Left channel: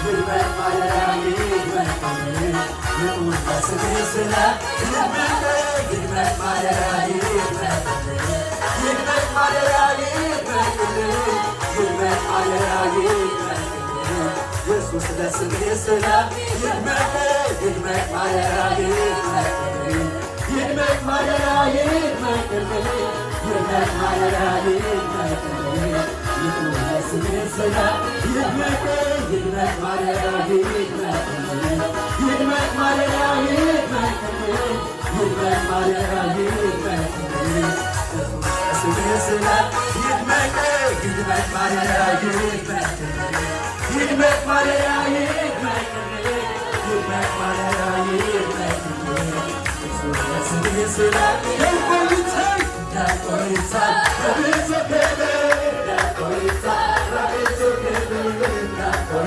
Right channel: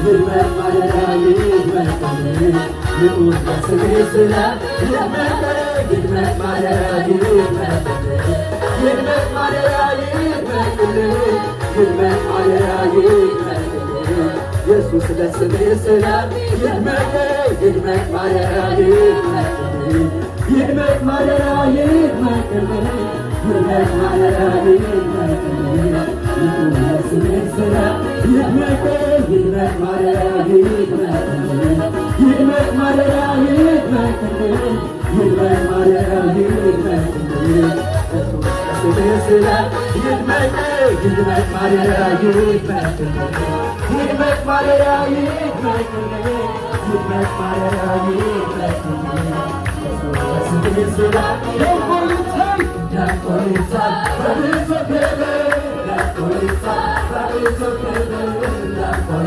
ይድመቅ ማደሪያዬ ይድመቅልኝ ይሁን በስምህ ስላት ይድመቅ ማደሪያዬ ይድመቅልኝ ይድመቅ ማደሪያዬ ይድመቅልኝ ይድመቅ ማደሪያዬ ይድመቅልኝ ኢየሱስ ለስምህ ስላት ይድመቅ ማደሪያዬ ይድመቅልኝ ይድመቅ ማደሪያዬ ይድመቅልኝ ይድመቅ ማደሪያዬ ይድመቅልኝ ይሁን በስምህ ስላት ይድመቅ ማደሪያዬ ይድመቅልኝ ይድመቅ ማደሪያዬ ይድመቅልኝ ይድመቅ ማደሪያዬ ይድመቅልኝ በስምህ ስላት ይድመቅ ማደሪያዬ ይድመቅልኝ ይድመቅ ማደሪያዬ ይድመቅልኝ ይድመቅ ማደሪያዬ ይድመቅልኝ በስምህ ስላት ያቆይታል